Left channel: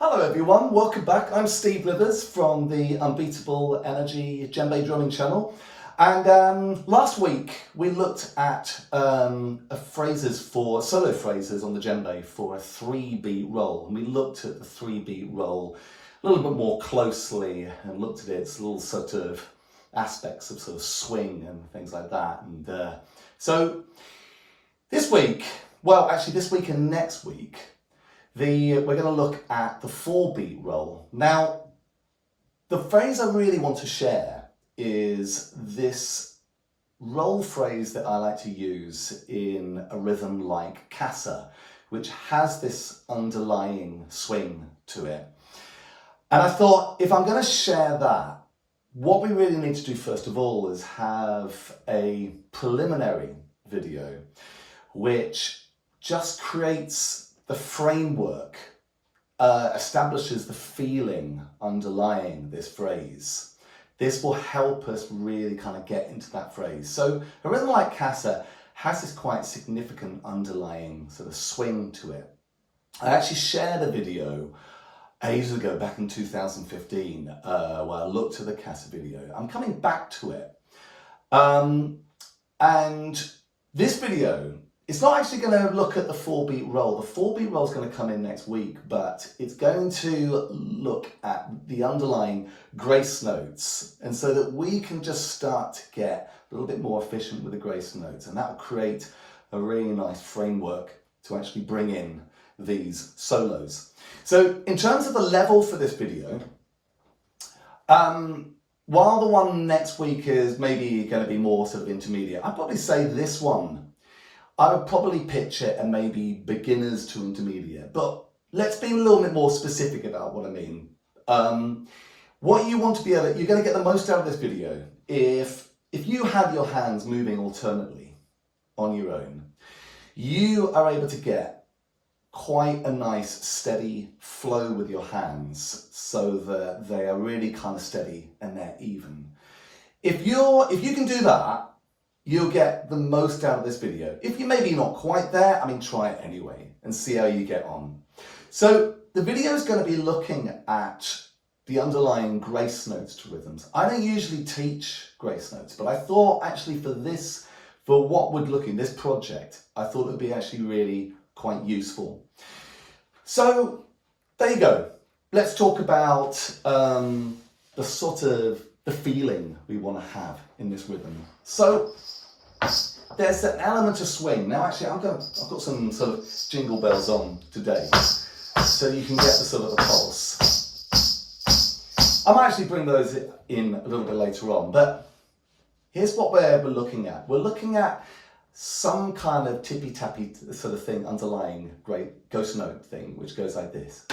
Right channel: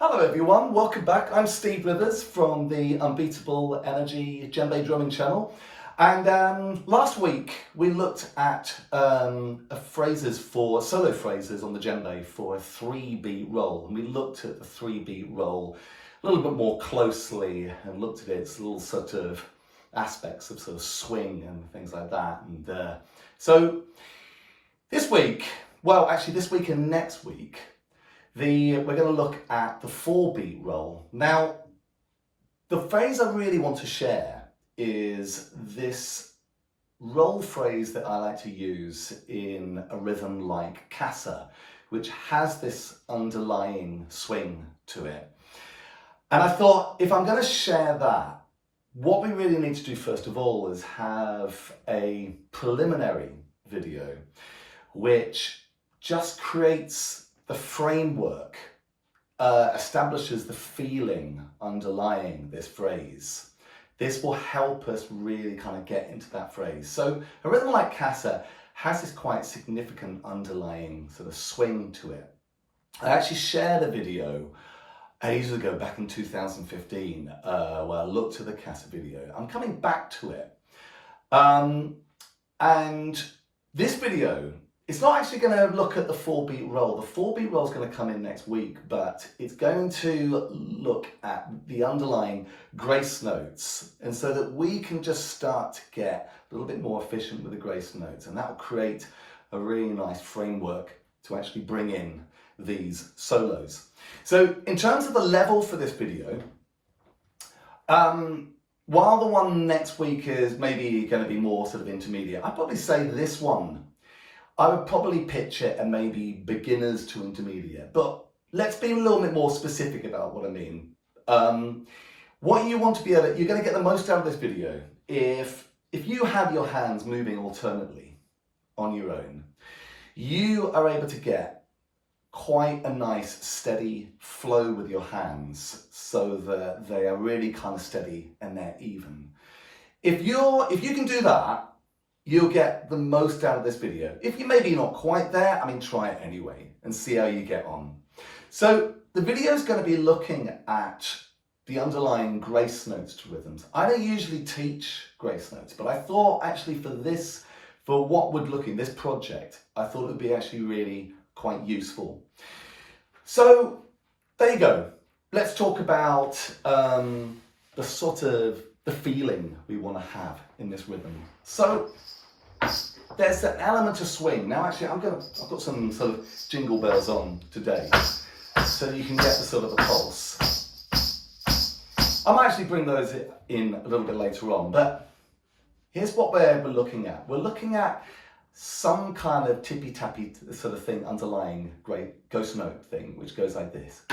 Hello everyone, welcome back. I'm Steve Blithers from the Unbeatable Energy Djembe drumming channel. And last week we looked at solo phrases on the djembe for a 3-beat roll. And we looked at the 3-beat roll a little bit more closely and looked at its little sort of aspects of sort of swing and things like that. And so this week, this week and next week, we're going to look at the 4-beat roll. Now, the phrase I really want to share is this roll phrase that I like to use in a rhythm like Kassa, which has this underlying swing to it. And I thought, if I'm going to share that, what we really need to do first of all is have a preliminary video which just creates the framework, establishes the feeling underlying this phrase. This will help us really kind of get into that phrase. So a rhythm like Kassa has this quite significant underlying sort of swing to it. I actually shared a video ages ago, back in 2015, where I looked at the Kassa video. I'm coming back to it. And this video, it's not actually going to look at the 4-beat roll. The 4-beat roll is going to come in next week, but it's going to look at the underlying grace notes. And so that we can just start to get a little bit more efficient with the grace notes. And that will create a really nice framework to actually bring in these solos. So in terms of the level for this video, while the one next week is maybe going to be more sort of intermediate, I'd probably say this one, I would probably pitch it and maybe beginners to intermediate, but let's be a little bit more specific about what I mean. What you want to be able to, you're going to get the most out of this video if you have your hands moving alternately on your own, you are able to get quite a nice steady flow with your hands so that they are really kind of steady and they're even. If you can do that, you'll get the most out of this video. If you're maybe not quite there, try it anyway and see how you get on. So the video is going to be looking at the underlying grace notes to rhythms. I don't usually teach grace notes, but I thought actually for what would look in this project, I thought it would be actually really quite useful. So there you go. Let's talk about the feeling we want to have in this rhythm. So there's an element of swing. Now actually I've got some sort of jingle bells on today so you can get the sort of the pulse. I might actually bring those in a little bit later on, but here's what we're looking at. We're looking at some kind of tippy-tappy sort of thing, underlying great ghost note thing, which goes like this.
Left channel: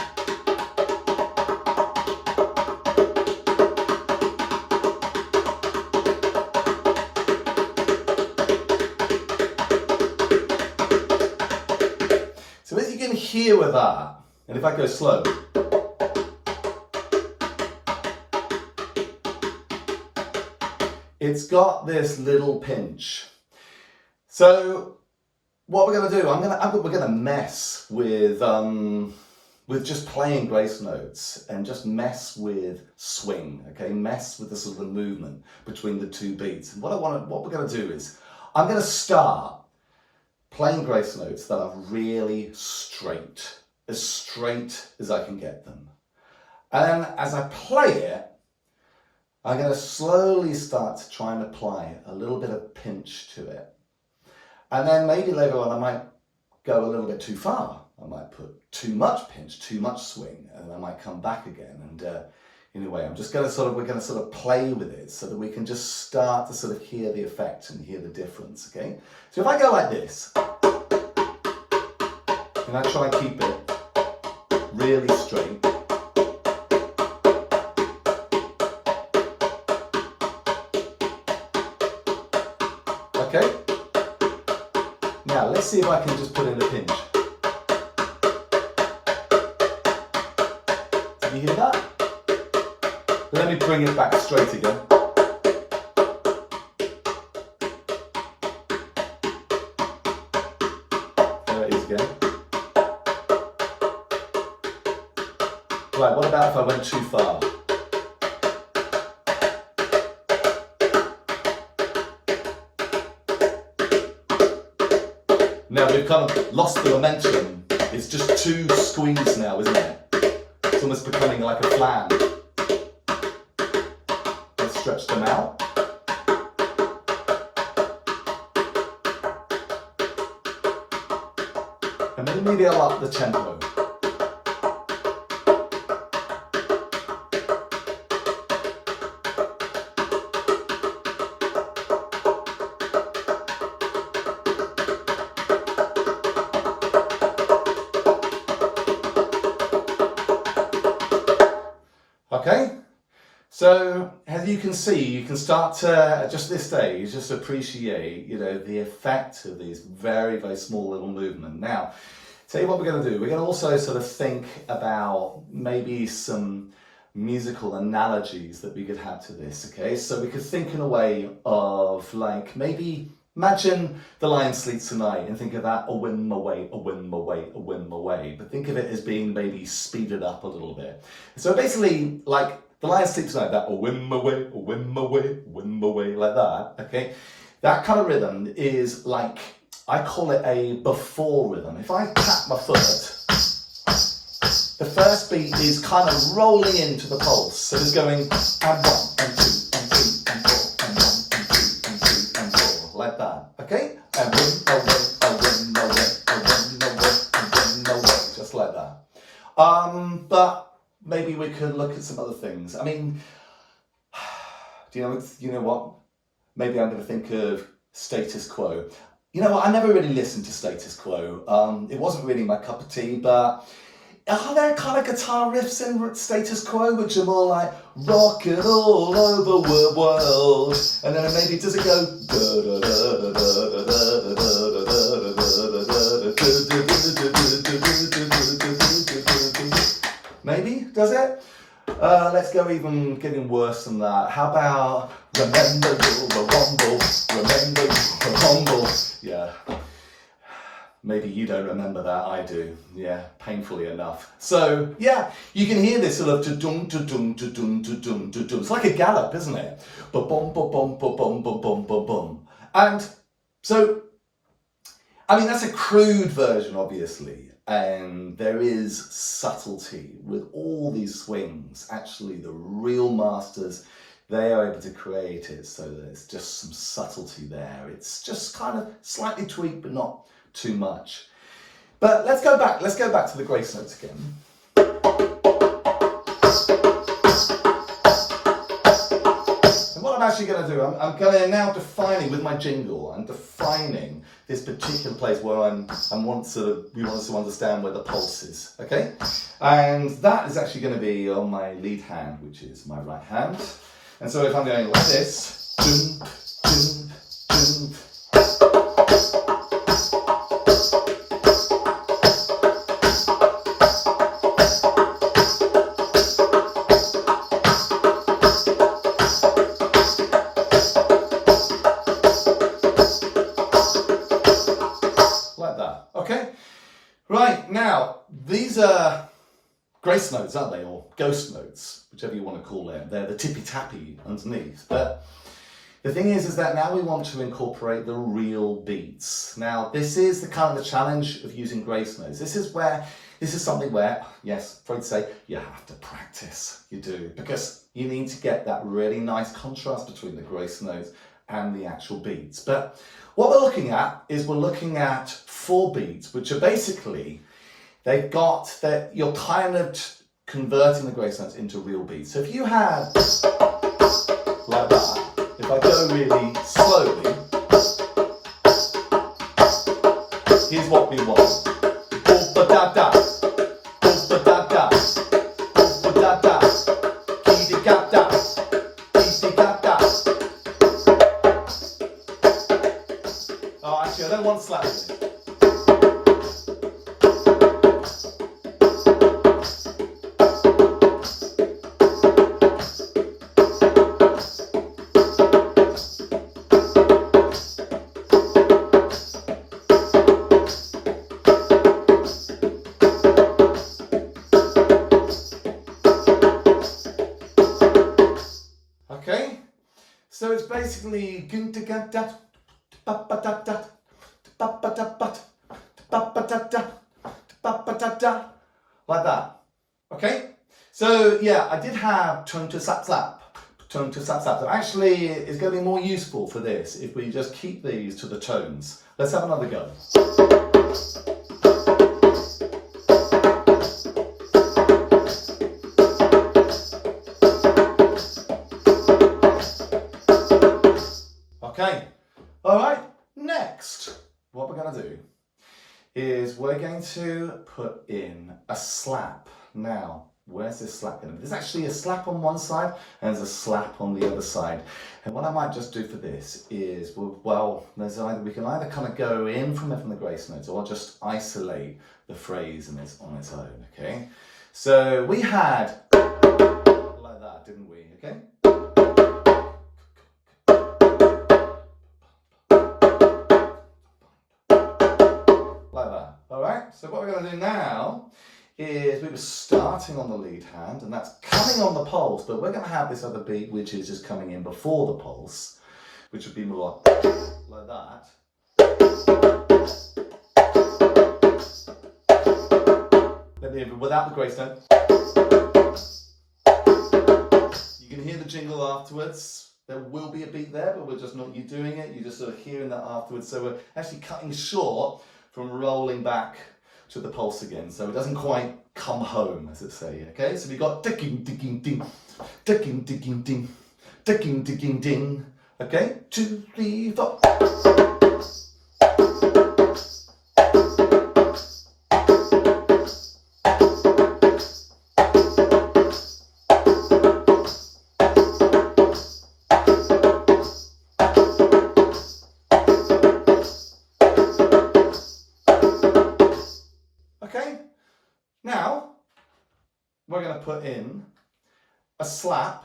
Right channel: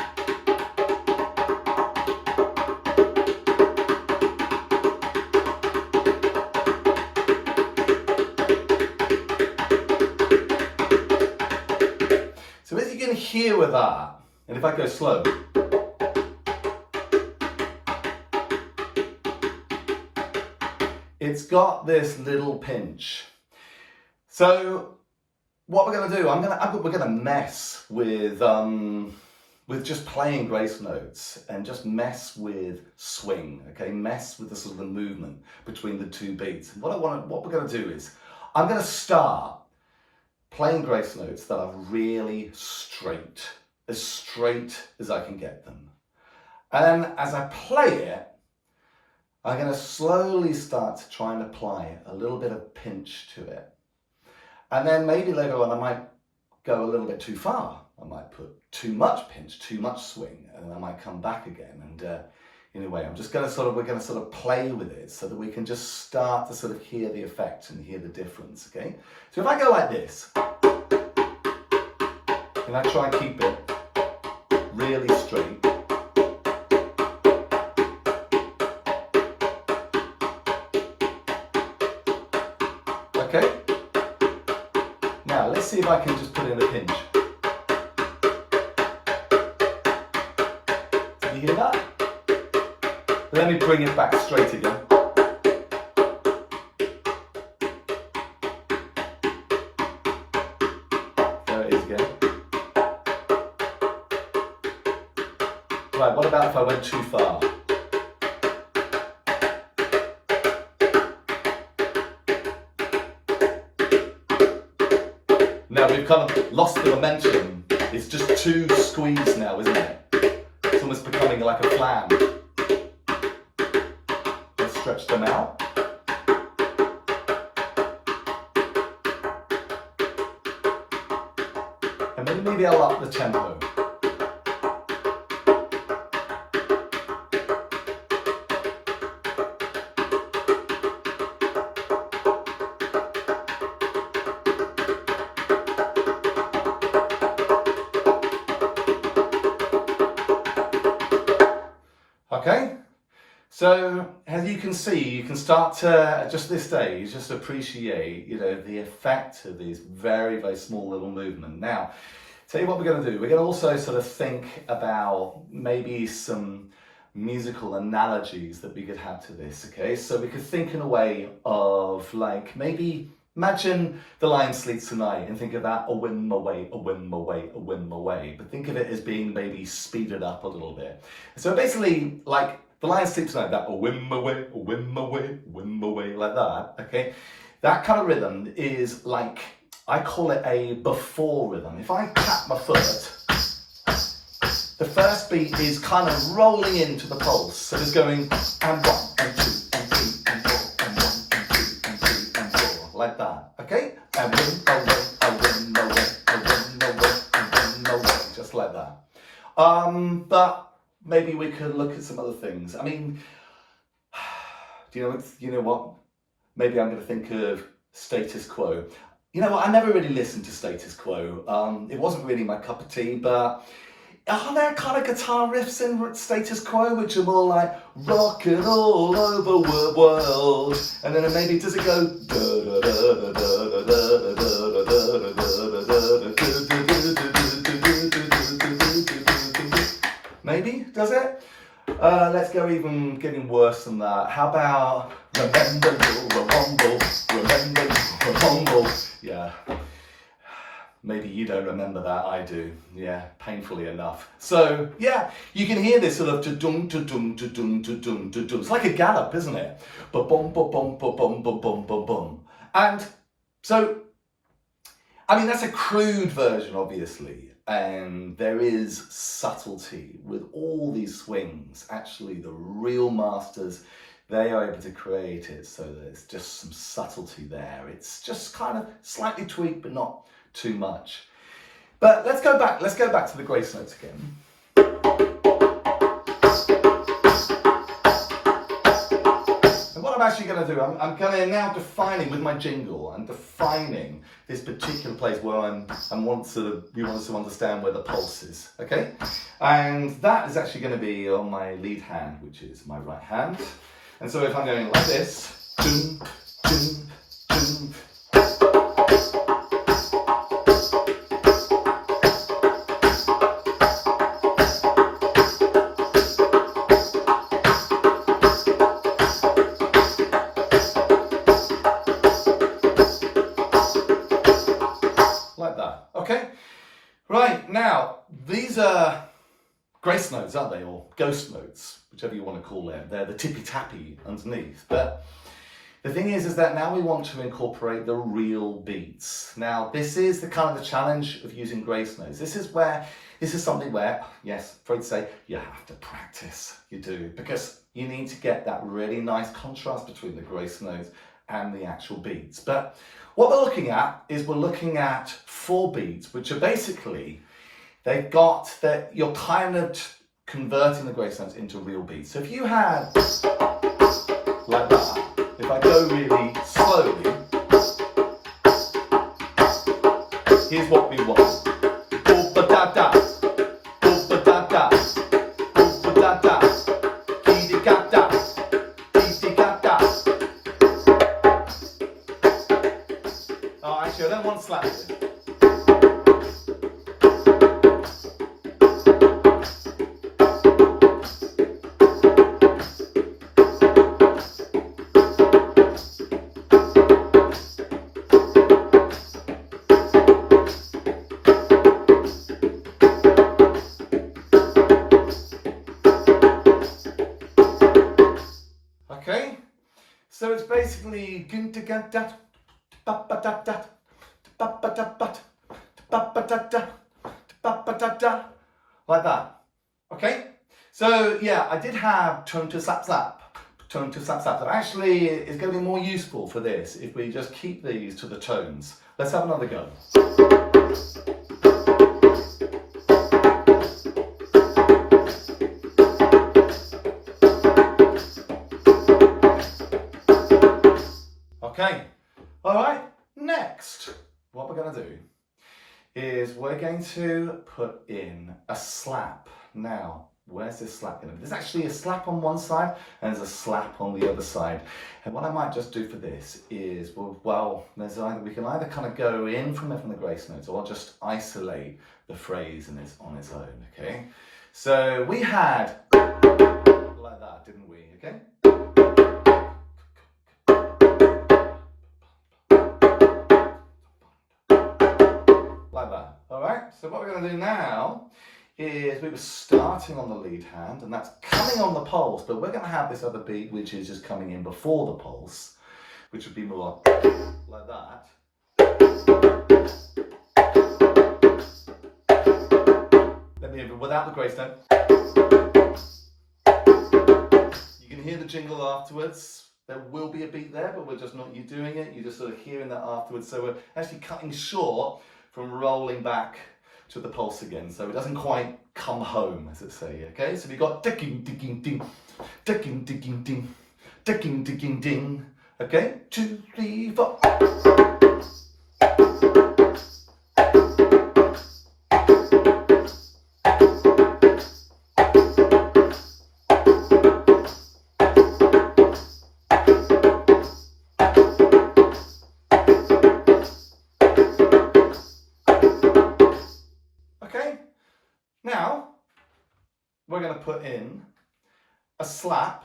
So as you can hear with that, and if I go slow, it's got this little pinch. So what we're going to do, we're going to mess with just playing grace notes and just mess with swing, okay? Mess with the sort of the movement between the two beats. And what we're going to do is, I'm going to start playing grace notes that are really straight as I can get them. And as I play it, I'm going to slowly start to try and apply a little bit of pinch to it. And then maybe later on I might go a little bit too far. I might put too much pinch, too much swing, and I might come back again. And anyway, we're going to sort of play with it so that we can just start to sort of hear the effect and hear the difference, okay? So if I go like this, and I try and keep it really straight, okay? Now let's see if I can just put in a pinch. Did you hear that? But let me bring it back straight again. There it is again. Right, what about if I went too far? Now we've kind of lost the momentum. It's just too squeezed now, isn't it? It's almost becoming like a flam. Let's stretch them out. And then maybe I'll up the tempo. Okay, so as you can see, you can start to, at just this stage, just appreciate, the effect of these very, very small little movements. Now, tell you what we're going to do. We're going to also sort of think about maybe some musical analogies that we could have to this, okay? So we could think in a way of like, maybe imagine The Lion Sleeps Tonight and think of that a whim away, a whim away, a whim away. But think of it as being maybe speeded up a little bit. So basically, like The Lion Sleeps Tonight, that a whim away, a whim away, a whim away, like that, okay? That kind of rhythm is like, I call it a before rhythm. If I tap my foot, the first beat is kind of rolling into the pulse. So it's going and 1 and 2 and 3 and 4 and 1 and 2 and 3 and 4, like that, okay? And win away, a win away, a win away, a win away, just like that. But maybe we can look at some other things. I mean, you know what? Maybe I'm going to think of Status Quo. You know what, I never really listened to Status Quo. It wasn't really my cup of tea, but are there kind of guitar riffs in Status Quo which are more like rockin' all over the world? And then maybe does it go maybe, does it? Let's go even getting worse than that. How about remember you're a womble, remember you're a womble? Yeah, maybe you don't remember that, I do. Yeah, painfully enough. So yeah, you can hear this sort of da-dum, da-dum, da-dum, da-dum, da-dum. It's like a gallop, isn't it? Ba-bum, ba-bum, ba-bum, ba-bum, ba-bum. And so, I mean, that's a crude version, obviously. And there is subtlety with all these swings. Actually, the real masters, they are able to create it so that it's just some subtlety there. It's just kind of slightly tweaked, but not too much. But let's go back to the grace notes again. And what I'm actually going to do, I'm going to now defining with my jingle, I'm defining this particular place where we want us to understand where the pulse is, okay? And that is actually going to be on my lead hand, which is my right hand. And so if I'm going like this, doom, doom, doom, like that, okay? Right, now, these are grace notes, aren't they? Or ghost notes, whichever you want to call them. They're the tippy-tappy underneath. But the thing is that now we want to incorporate the real beats. Now, this is the kind of the challenge of using grace notes. This is something where, yes, afraid to say, you have to practice. You do, because you need to get that really nice contrast between the grace notes and the actual beats. But what we're looking at is we're looking at 4 beats, which are basically, they've got that you're kind of converting the grace notes into real beats. So if you had like that, if I go really slowly, here's what we want. Ba-da-da, ba-da-da, ba-da-da, ki-di-ga-da, ki-di-ga-da. Oh, actually, I don't want slapping. it's basically like that. Okay? So yeah, I did have tone to slap slap. Tone to slap slap. That actually is going to be more useful for this if we just keep these to the tones. Let's have another go. Okay, all right, next, what we're going to do is we're going to put in a slap. Now, where's this slap going to be? There's actually a slap on one side and there's a slap on the other side. And what I might just do for this is, well, we can either kind of go in from it from the grace notes or just isolate the phrase and it's on its own, okay? So we had like that, didn't we, okay? Like that, all right? So what we're going to do now is we were starting on the lead hand and that's coming on the pulse, but we're going to have this other beat which is just coming in before the pulse, which would be more like that. Let me without the grace note. You can hear the jingle afterwards. There will be a beat there, but we're just not you doing it. You're just sort of hearing that afterwards. So we're actually cutting short from rolling back to the pulse again, so it doesn't quite come home, as it say. Okay, so we got ticking, ticking, ding, ticking, ticking, ding, ticking, ticking, ding. Okay, 2, 3, 4. Now, we're going to put in a slap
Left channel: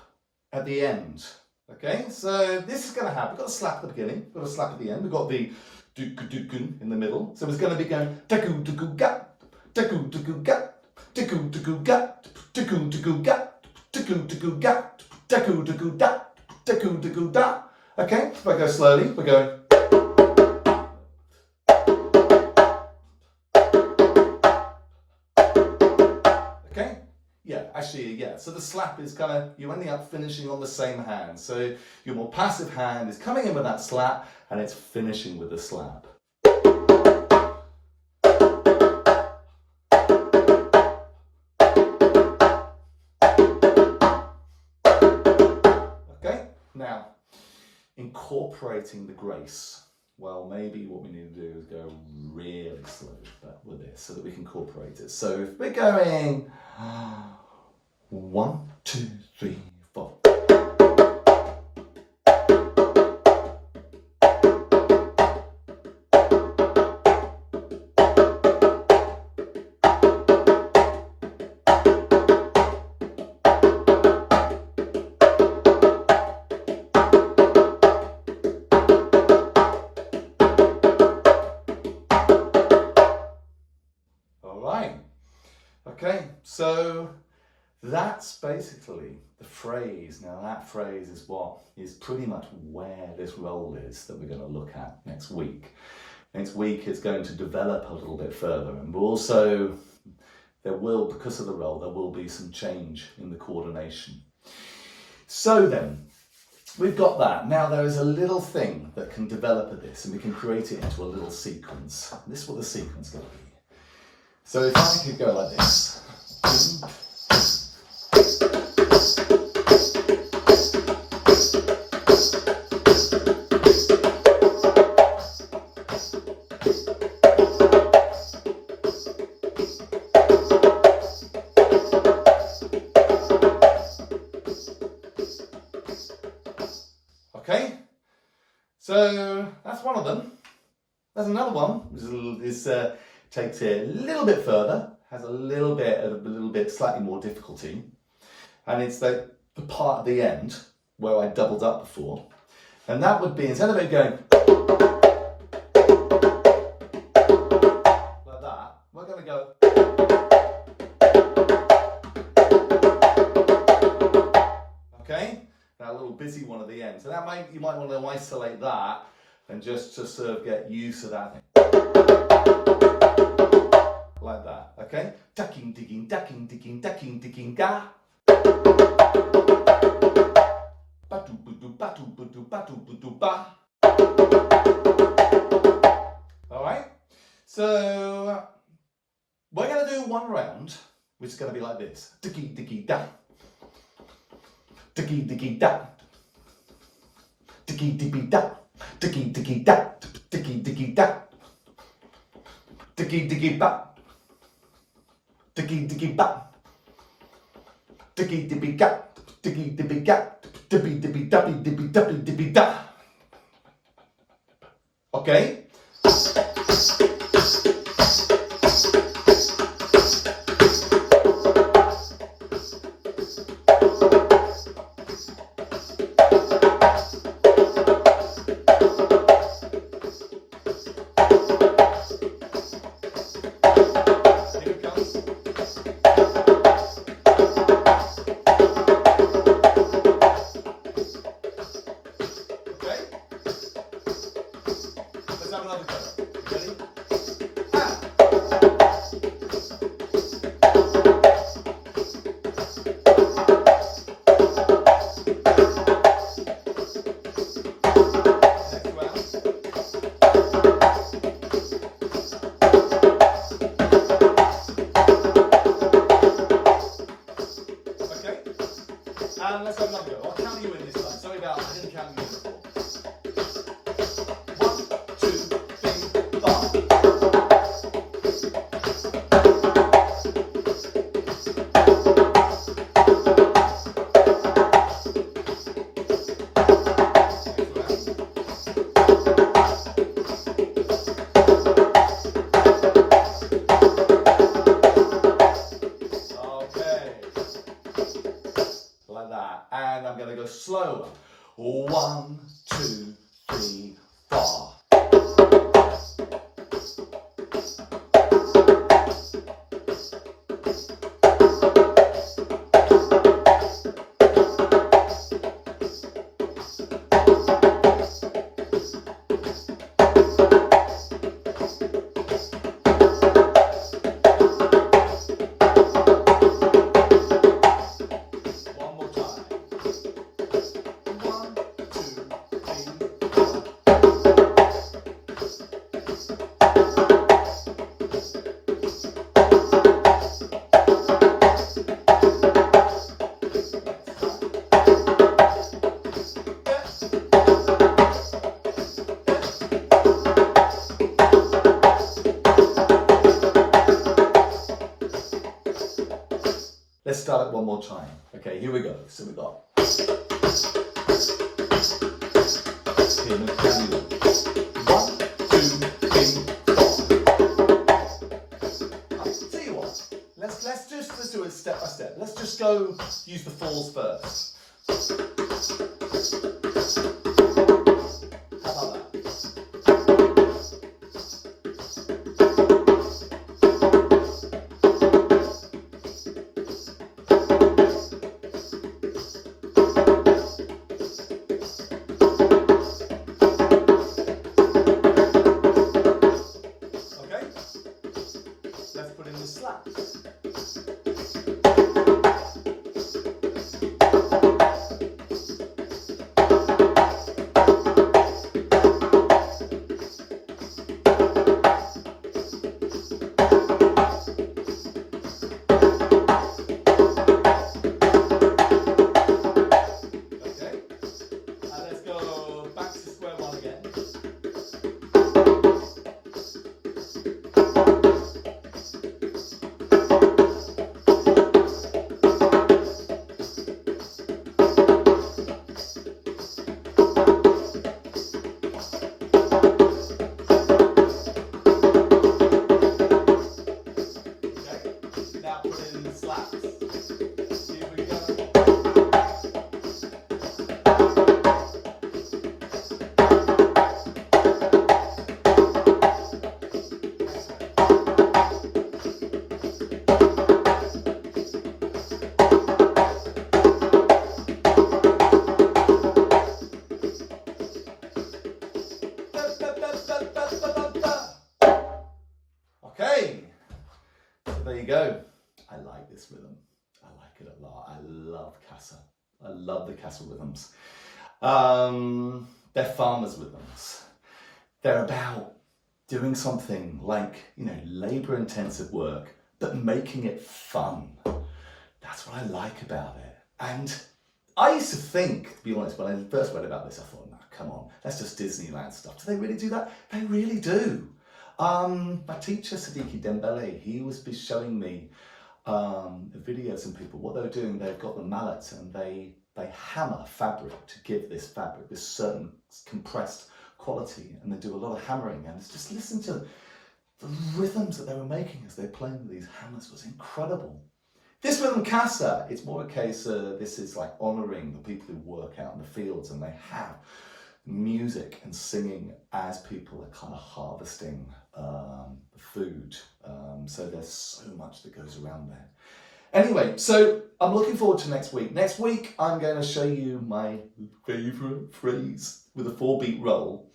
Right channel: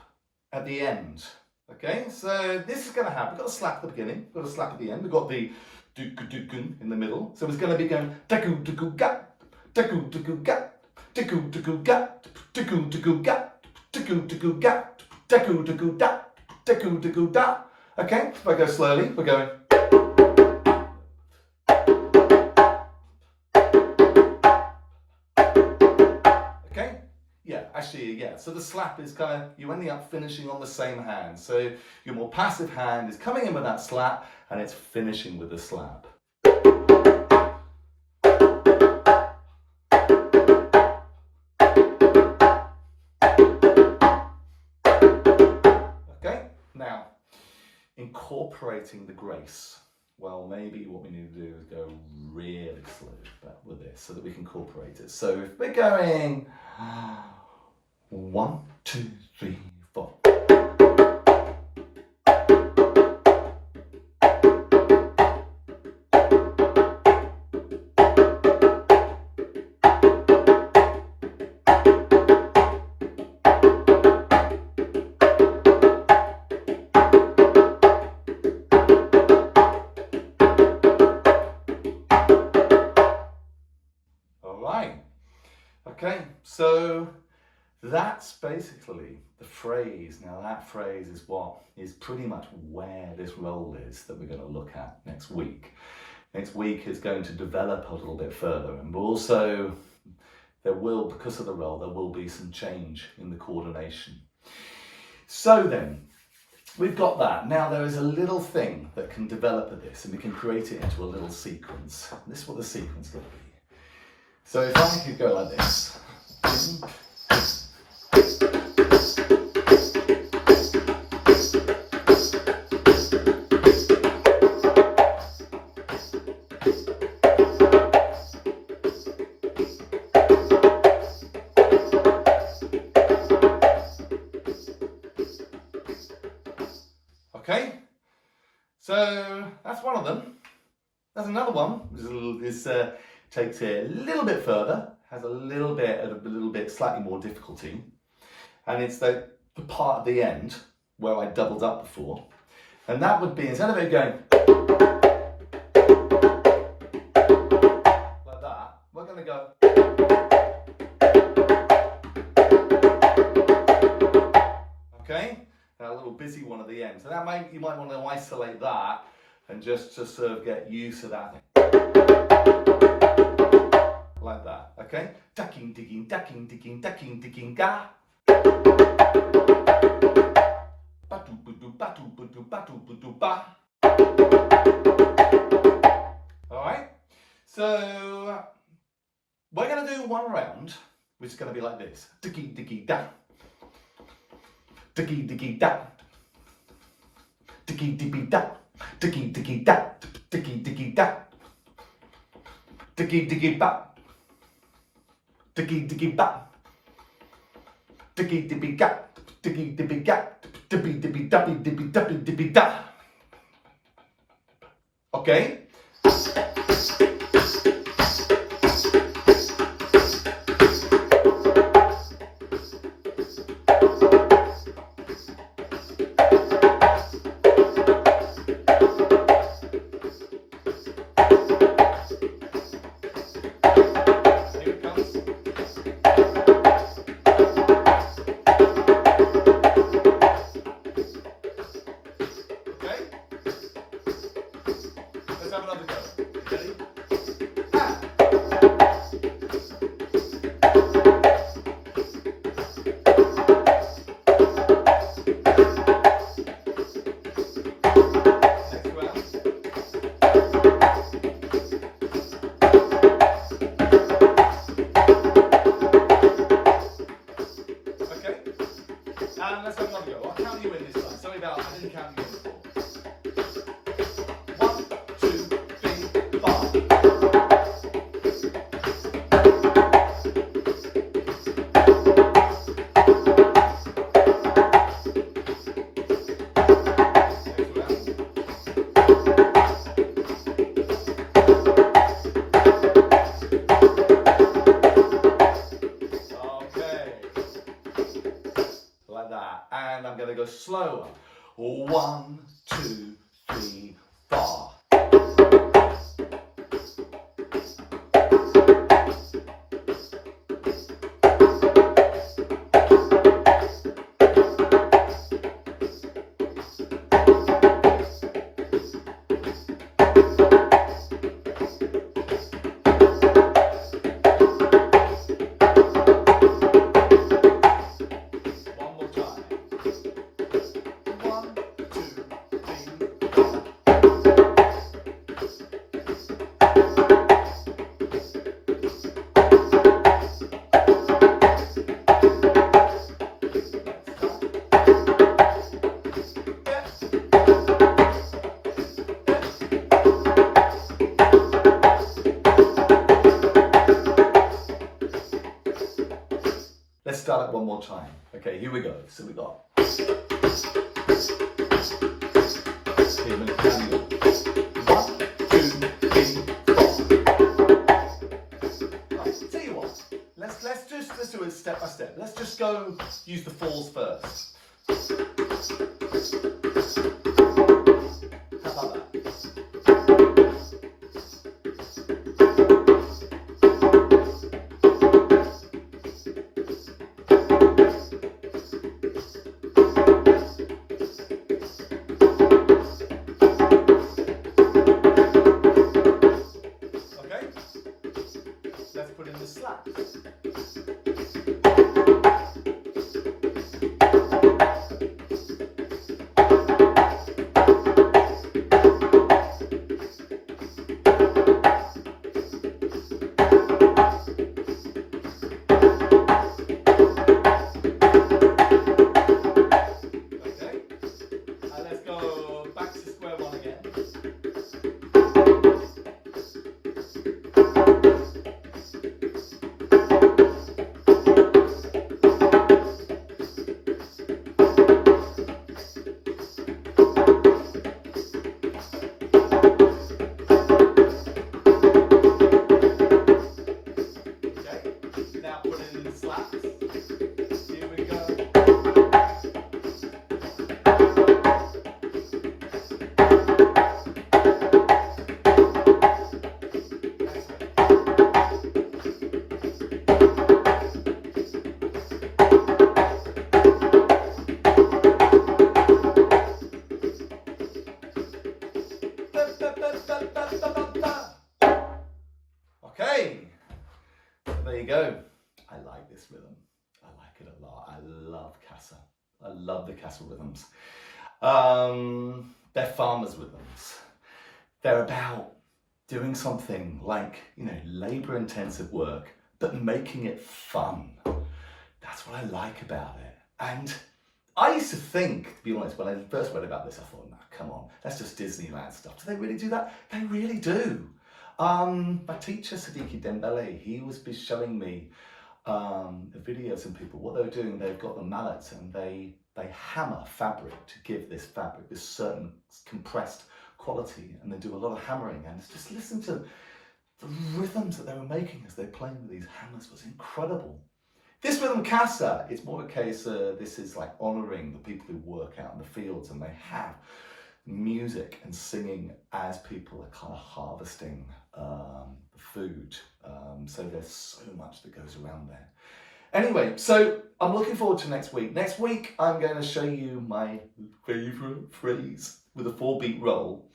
at the end. Okay, so this is going to have, we've got a slap at the beginning, we've got a slap at the end, we've got the do-gu-do-gun in the middle. So it's going to be going da-gu-do-gu-ga, da-gu-do-gu-ga, da-gu-do-gu-ga, da-gu-do-gu-ga, da-gu-do-gu-ga, da-gu-do-gu-da, da-gu-do-gu-da. Okay, if I go slowly, we're going. Okay, yeah, actually, yeah. So the slap is kind of, you're ending up finishing on the same hand. So your more passive hand is coming in with that slap and it's finishing with the slap. Okay, now, incorporating the grace. Well, maybe what we need to do is go really slow with this so that we can incorporate it. So if we're going 1, 2, 3, 4. Okay, so that's basically the phrase. Now that phrase is what is pretty much where this roll is that we're going to look at next week. Next week it's going to develop a little bit further, and also there will, because of the roll, there will be some change in the coordination. So then, we've got that. Now there is a little thing that can develop of this and we can create it into a little sequence. This is what the sequence is going to be. So if I could go like this. Okay, so that's one of them. There's another one. This takes it a little bit further, has a little bit slightly more difficulty, and it's the part at the end where I doubled up before, and that would be, instead of it going like that, we're going to go okay, that little busy one at the again. So that you might want to isolate that and just to sort of get used to that. Like that, okay? Ducking, digging, ducking, digging, ducking, digging, ga. Batu, budu, batu, budu, batu, budu, ba. All right? So we're going to do one round, which is going to be like this. Diggy, diggy, da. Diggy, diggy, da. Diggy, diggy, da. Diggy, diggy, da. Diggy, diggy, da. Diggy, diggy, ba. Diggy, diggy, ba. Diggy, diggy, ga. Diggy, diggy, ga. Dibby, dibby, dubby, dibby, dubby, dibby, da. Okay? And let's have another go. I'll count you in this time. Sorry about I didn't count you in before. 1, 2, 3, 4. And I'm going to go slower. 1, 2, 3, 4. Let's start it one more time. Okay, here we go. So we got. Okay, 1, 2, 3, 4. Tell you what. Let's do it step by step. Let's just go use the falls first. How about that? Let's put in the slaps. I like it a lot. I love Kassa. I love the Kassa rhythms. They're farmers' rhythms. They're about doing something like, labor-intensive work, but making it fun. That's what I like about it. And I used to think, to be honest, when I first read about this, I thought, no, come on, that's just Disneyland stuff. Do they really do that? They really do. My teacher, Djembe, he was showing me a video of some people. What they were doing, they've got the mallets and they hammer fabric to give this fabric this certain compressed quality, and they do a lot of hammering, and just listen to the rhythms that they were making as they're playing with these hammers was incredible. This rhythm Kassa, it's more a case this is like honouring the people who work out in the fields, and they have music and singing as people are kind of harvesting the food. So there's so much that goes around there. Anyway, so I'm looking forward to next week. Next week, I'm going to show you my favourite phrase with a 4-beat roll.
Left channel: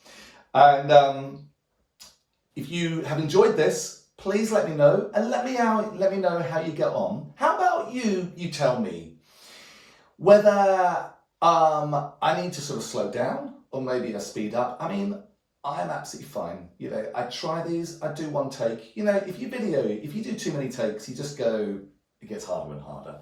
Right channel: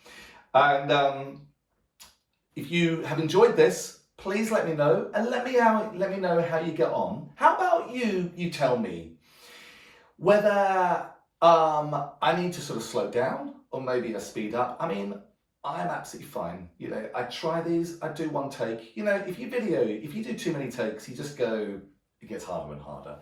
And if you have enjoyed this, please let me know, and let me know how you get on. How about you tell me whether I need to sort of slow down or maybe I speed up. I mean, I'm absolutely fine. I try these, I do one take. If you do too many takes, you just go, it gets harder and harder.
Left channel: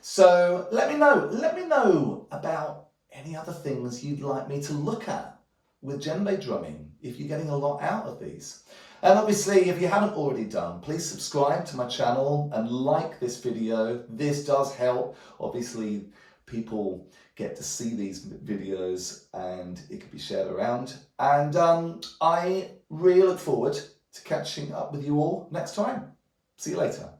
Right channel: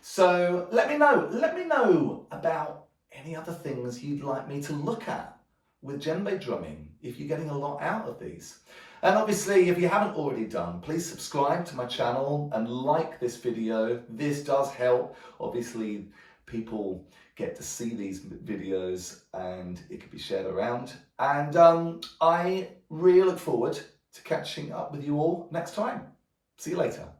So let me know about any other things you'd like me to look at with djembe drumming, if you're getting a lot out of these. And obviously, if you haven't already done, please subscribe to my channel and like this video. This does help. Obviously, people get to see these videos and it can be shared around. And I really look forward to catching up with you all next time. See you later.